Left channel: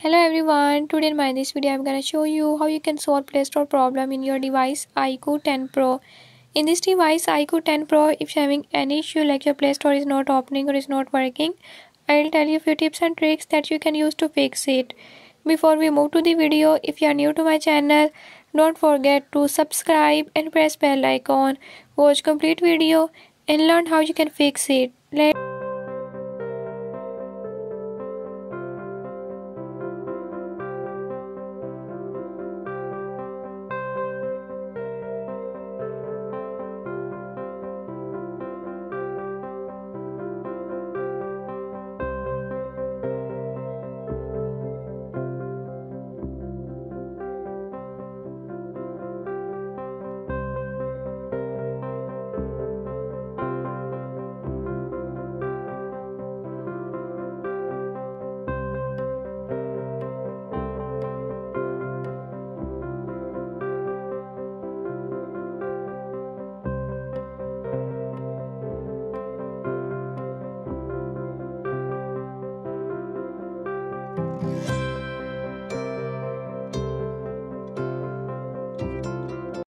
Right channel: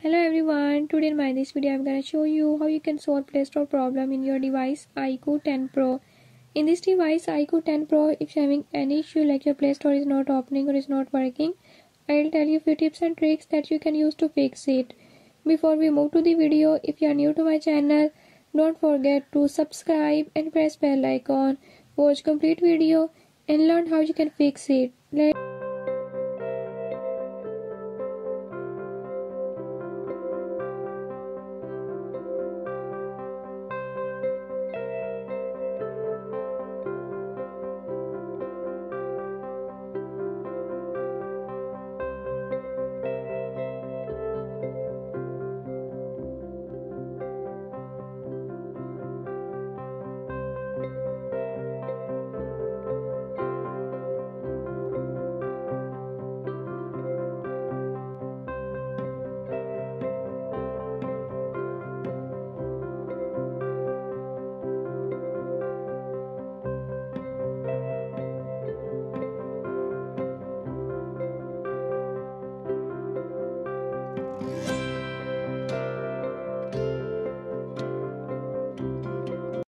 Hello everyone, today in this video I'm gonna show you how you can solve Play Store problem in your device IQOO 10 Pro. In this device IQOO 10 Pro, if you're having any issue like your Play Store is not opening or is not working, I'll tell you a few tips and tricks that you can use to fix it. Before we move to the video, if you are new to my channel, don't forget to subscribe and press bell icon. Watch complete video and learn how you can fix it.